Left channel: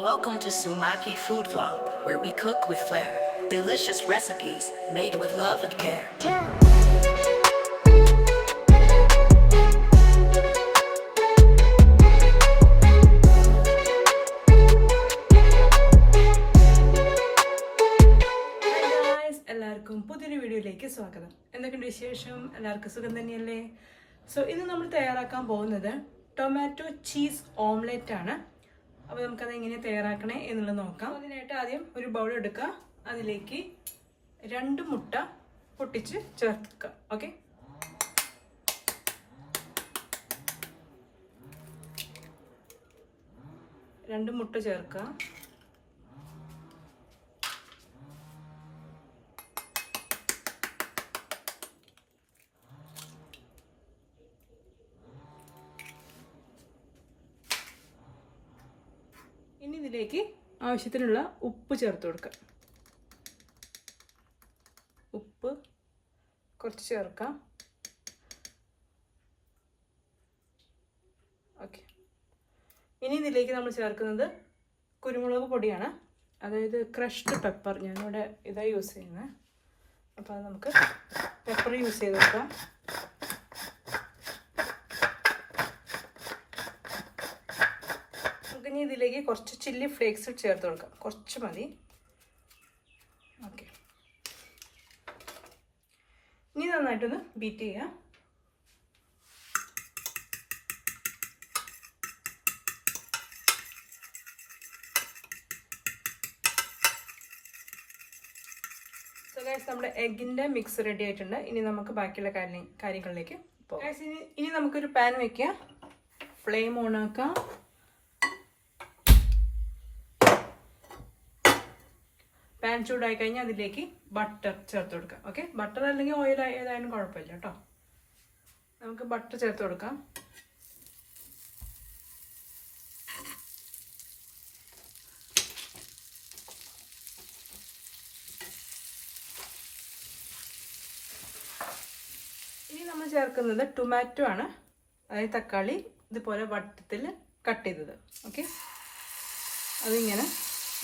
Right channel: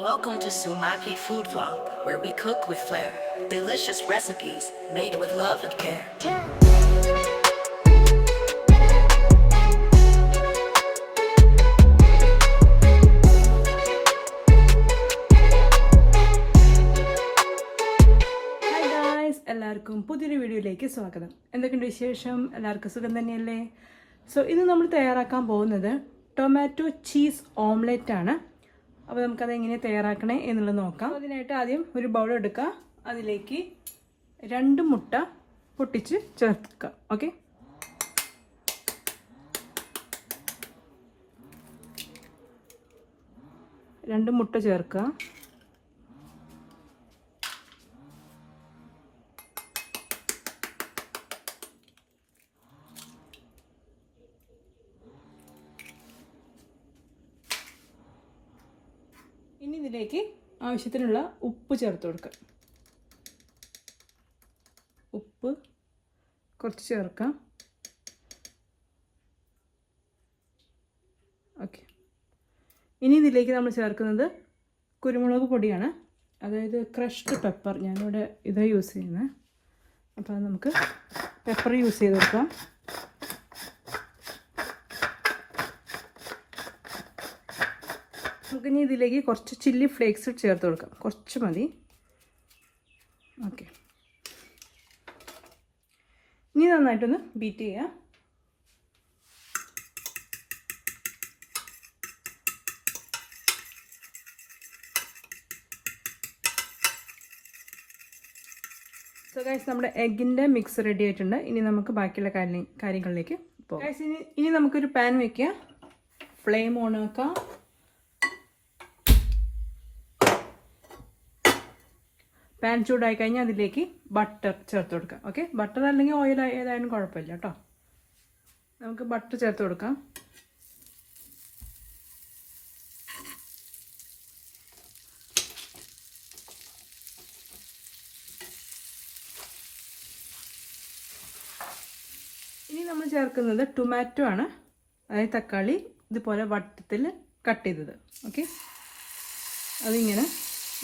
Welcome to Sumaki Food Vlog, where we cook with flair. Delicious recipes made with love and care. Hi guys, എല്ലാവർക്കും പുതിയൊരു വീഡിയോയിലേക്ക് സ്വാഗതം. എന്തൊക്കെയുണ്ട് വിശേഷം? എല്ലാവർക്കും സുഖം തന്നെയല്ലേ? സോ ഇന്ന് നമ്മൾ തയ്യാറാക്കാൻ പോകുന്നത് ടൊമാറ്റോ ചീസ് ഓംലെറ്റ് ആണ്. അപ്പോൾ നമുക്കത് എങ്ങനെ തയ്യാറാക്കണേ എന്നുള്ളത് നോക്കാം. അതിനായിട്ട് ആദ്യം ഒരു ബൗൾ എടുക്കുക. അതിലേക്ക് 2 മുട്ട പൊട്ടിച്ച് ചേർക്കുക. ഓക്കെ, രണ്ട് മുട്ട ചേർക്കുക. ഇനി ഇതിലേക്ക് ആവശ്യത്തിനുള്ള ഉപ്പ് ചേർത്ത് കൊടുക്കുക. ഉപ്പ് കുറച്ച് ചേർക്കാം. ഓക്കെ, ഇനി ഇതിലേക്ക് നമ്മൾ ചേർക്കുന്നത് കുരുമുളക് പൊടിയാണ്, അതായത് ക്രഷ്ഡ് പെപ്പർ. ഞാനിവിടെ ഇതാ യൂസ് ചെയ്യുന്നത്. അപ്പോൾ അത് നമുക്ക് പെപ്പർ യൂസ് ചെയ്ത് കൊടുക്കാം. നമുക്കിനി ഇതിലേക്ക് കുറച്ച് ചില്ലി ഫ്ലേക്സ് ചേർത്ത് കൊടുക്കാം. കുറച്ച് മതി. ഓക്കെ, ഇനി നന്നായിട്ടൊന്ന് ബീറ്റ് ചെയ്യുക. സോ ഗൈസ്, നമ്മുടെ എഗ്ഗിൻ്റെ മിക്സ് റെഡി ആയിട്ടുണ്ട്. ഇനി നമുക്ക് ബാക്കിയുള്ള കാര്യങ്ങളിലേക്ക് പോകാം. ഗൈസ്, ഇനി നമുക്കൊരു പാൻ വയ്ക്കുക. ഫ്ലെയിം ഓൺ ആക്കാം. പാൻ ചൂടായി കഴിഞ്ഞാൽ അതിലേക്ക് ബട്ടർ ചേർത്ത് കൊടുക്കാം. ഓക്കെ, ബട്ടർ അല്ലെങ്കിൽ ഓയിൽ ഏതായാലും കുഴപ്പമില്ല കേട്ടോ. നമുക്ക് ബട്ടർ ചേർത്ത് കൊടുക്കാം. ഇനി നമ്മൾ ചേർക്കുന്നത് ടൊമാറ്റോ ആണ്, അതായത് തക്കാളി ഇതുപോലെ വട്ടത്തിൽ കട്ട് ചെയ്തത്. ഓക്കെ, അതിങ്ങനെ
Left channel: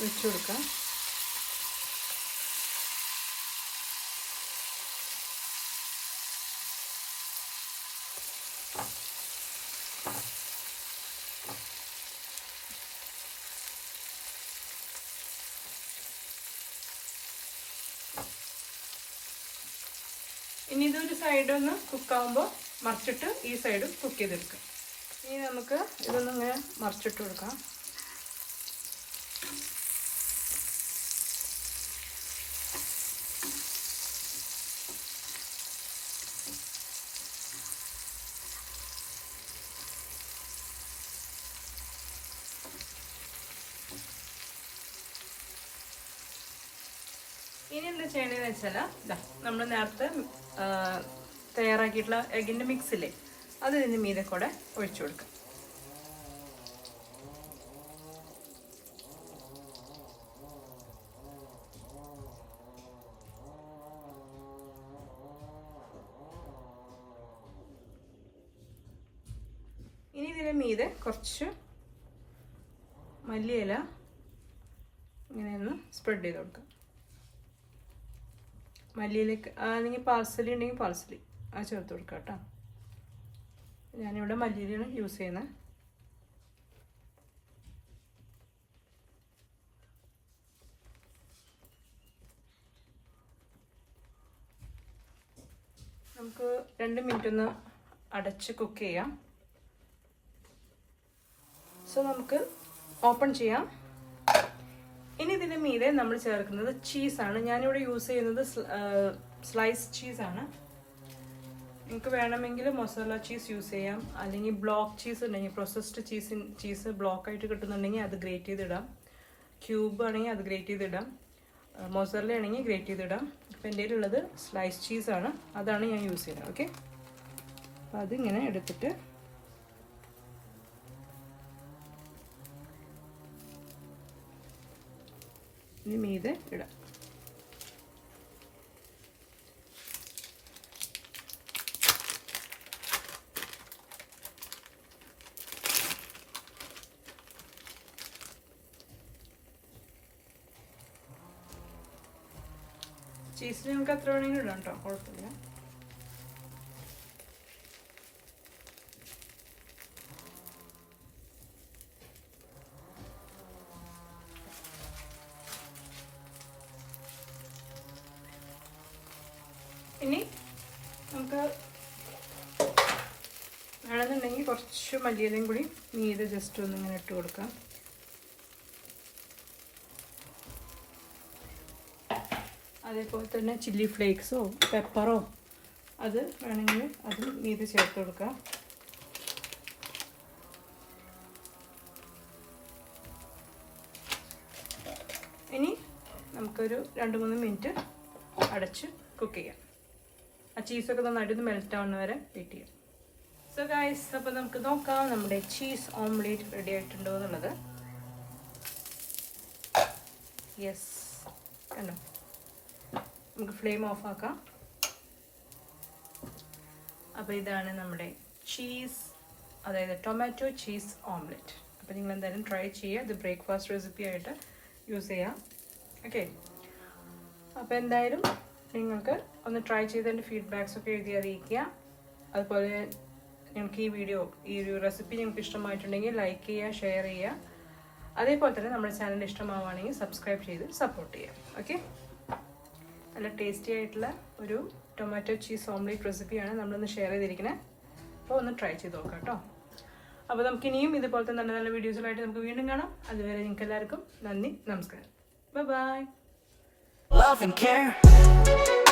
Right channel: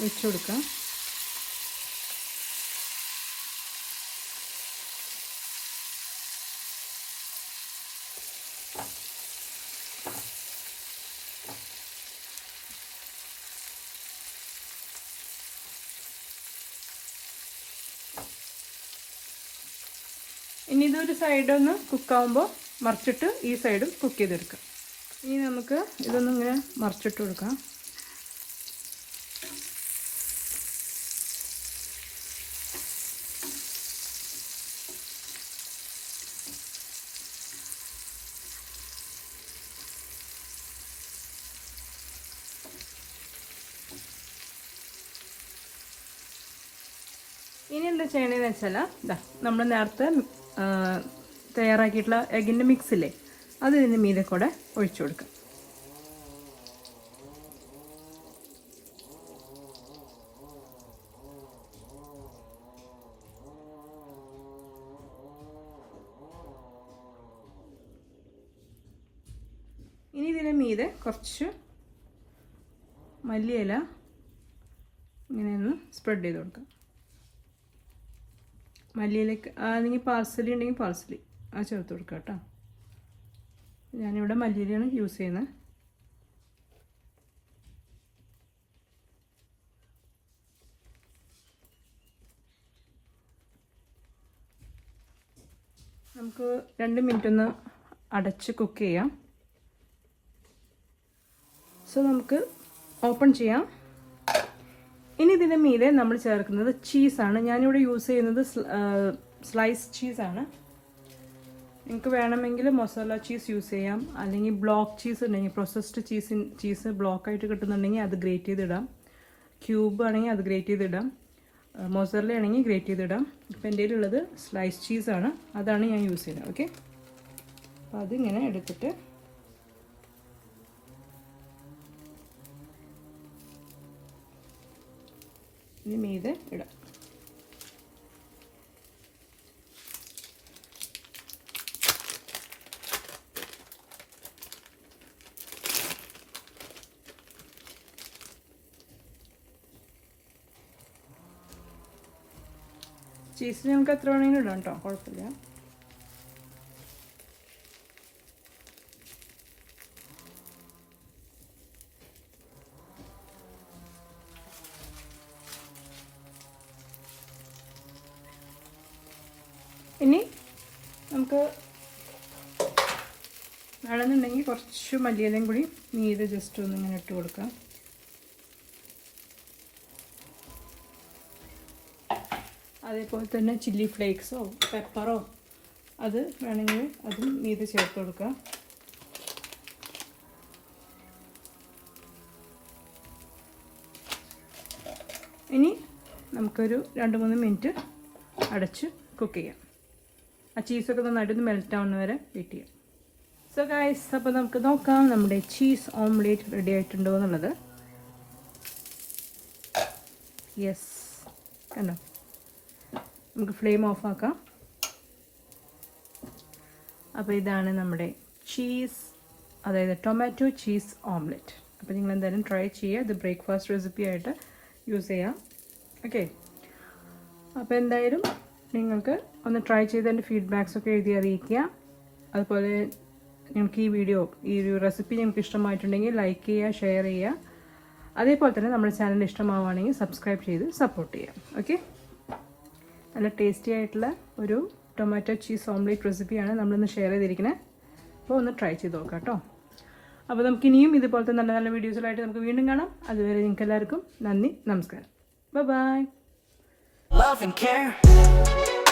വെച്ച് കൊടുക്കാം. ഇനി ഇതൊരു സൈഡൊന്ന് കുക്കാവുമ്പോൾ മറിച്ചിട്ട് ഈ സൈഡും കുക്ക് ചെയ്തെടുക്കാം. ഇനി നമുക്ക് ഇതൊന്നും ഇങ്ങനെ മറിച്ചിട്ട് കൊടുക്കാം. ഇനി എന്താ ചെയ്യണമെന്ന് വെച്ചാൽ, നമ്മൾ നേരത്തെ തയ്യാറാക്കിയിട്ടുള്ള എഗ്ഗിൻ്റെ മിക്സ് ഇല്ലേ, അത് ഇതിൻ്റെ മീതെ കൂടെ ഒഴിച്ചു കൊടുക്കാം. ഇനി ഇതിൻ്റെ മീതെ കുറച്ച് മല്ലിയില ഇങ്ങനെയൊന്ന് സ്പ്രെഡ് ചെയ്ത് കൊടുക്കാം. മല്ലിയിലേക്ക് അല്ലെങ്കിൽ പാർസലി ഉണ്ടെങ്കിൽ പാർസലി ആ ചേർത്ത് കൊടുക്കുക കേട്ടോ. ഞാനിവിടെ മല്ലിയിലാണ് യൂസ് ചെയ്യുന്നത്. നമുക്ക് 2 മിനിറ്റ് ഒന്ന് അടച്ച് കുക്ക് ചെയ്യാം. സോ നമുക്ക് ഓപ്പൺ ചെയ്യാം. ഇനി ഇതിൻ്റെ മീതെ നമ്മൾ ചേർക്കുന്നത് ചീസാണ്. ഞാനിവിടെ യൂസ് ചെയ്യുന്നത് സ്ലൈസ് ചീസാണ്. നിങ്ങൾക്ക് വേണമെങ്കിൽ മസാല ചീസ് യൂസ് ചെയ്യാം, അല്ലെങ്കിൽ ബ്ലോക്ക് ചീസ് ഉണ്ടെങ്കിൽ, പ്രോസസ്ഡ് ചീസ് ബ്ലോക്കായിട്ട് കിട്ടുന്നുണ്ടെങ്കിൽ അത് ഗ്രേറ്റ് ചെയ്തിടാം. ക്യൂബ് ആണെങ്കിൽ അത് ഗ്രേറ്റ് ചെയ്തിടാം. മൊസറല ആണെങ്കിൽ ഗ്രേറ്റ് ചെയ്തിടാം. ഇപ്പം എൻ്റെ കയ്യിലുള്ളത് സ്ലൈസ് ചീസാണ്, അതാണ് ഞാൻ യൂസ് ചെയ്യുന്നത്. ഓക്കെ, അപ്പോൾ അതിങ്ങനെ എടുത്തിട്ട് ഇനി മീതെ ഇടാം. ചീസിന് നമുക്ക് എത്ര വേണമെങ്കിലും ഇടാം കേട്ടോ, കുഴപ്പമില്ല. ഇനി നമുക്ക് വേണമെന്നുണ്ടെങ്കിൽ കുറച്ച് മല്ലിയിലയും കൂടി മീതെ ജസ്റ്റ് ഒന്ന് ഇങ്ങനെ ഇട്ട് കൊടുക്കാം. അതേപോലെ തന്നെ ചില്ലി ഫ്ലേക്സോ പെപ്പറോ അത് വേണമെങ്കിൽ അതും മീതെ ചേർത്ത് കൊടുക്കാം. ഇനി നമുക്കൊരു 2-3 മിനിറ്റ് അടച്ച് കുക്ക് ചെയ്യാം. ആ ചീസൊക്കെ നന്നായിട്ടൊന്ന് മെൽറ്റ് ആവുന്ന വരെ വെയിറ്റ് ചെയ്യാം. സോ ഗൈസ്, അപ്പോൾ നമുക്ക് നോക്കാം നമ്മുടെ ചീസ് ഓംലേറ്റ് റെഡി ആയിട്ടുണ്ടോ എന്നുള്ളത്. യെസ്, കണ്ടോ? നമുക്ക് ഫ്ലെയിം ഓഫ് ആക്കാം. അപ്പോൾ ഇതാണ് നമ്മുടെ ചീസ്, അതായത് ടൊമാറ്റോ ചീസ് ഓംലെറ്റ്. അപ്പോൾ നിങ്ങൾ എന്തായാലും ട്രൈ ചെയ്യുക. ഇത് ബ്രേക്ക്ഫാസ്റ്റ് റെസിപ്പി ആയിട്ട് യൂസ് ചെയ്യാം. ഓക്കെ, അപ്പോൾ എന്തായാലും നിങ്ങൾക്ക് ഒന്ന് ട്രൈ ചെയ്ത് എൻ്റെ ഫീഡ്ബാക്സൊക്കെ എഴുതി അറിയിക്കുക. അതുപോലെ നിങ്ങൾക്ക് ഈ ഒരു റെസിപ്പി നിങ്ങൾക്ക് ഇഷ്ടമായിട്ടുണ്ടെങ്കിൽ ലൈക്ക് ചെയ്യുക, ഷെയർ ചെയ്യുക. അതേപോലെ തന്നെ നമ്മുടെ ചാനൽ ഇഷ്ടമാവുകയാണെങ്കിൽ സബ്സ്ക്രൈബ് ചെയ്ത് സപ്പോർട്ട് ചെയ്യാം. ഓക്കെ, നല്ല ടേസ്റ്റി ആയിട്ടുള്ള ഒരു ടൊമാറ്റോ ചീസ് ഓംലേറ്റ് റെസിപ്പിയാണ് നമ്മളിന്ന് ഷെയർ ചെയ്തിരിക്കുന്നത്. അപ്പോൾ ഒന്ന് ട്രൈ ചെയ്ത് നോക്കാം കേട്ടോ. അപ്പോൾ നമുക്ക് ഇനിയും ഇതുപോലത്തെ നല്ല നല്ല വീഡിയോസിലായിട്ട് നമുക്ക് വീണ്ടും കാണാം. അതുവരെ നിങ്ങൾക്ക് എല്ലാവർക്കും നന്ദി, നമസ്കാരം, ബൈ. Love and care.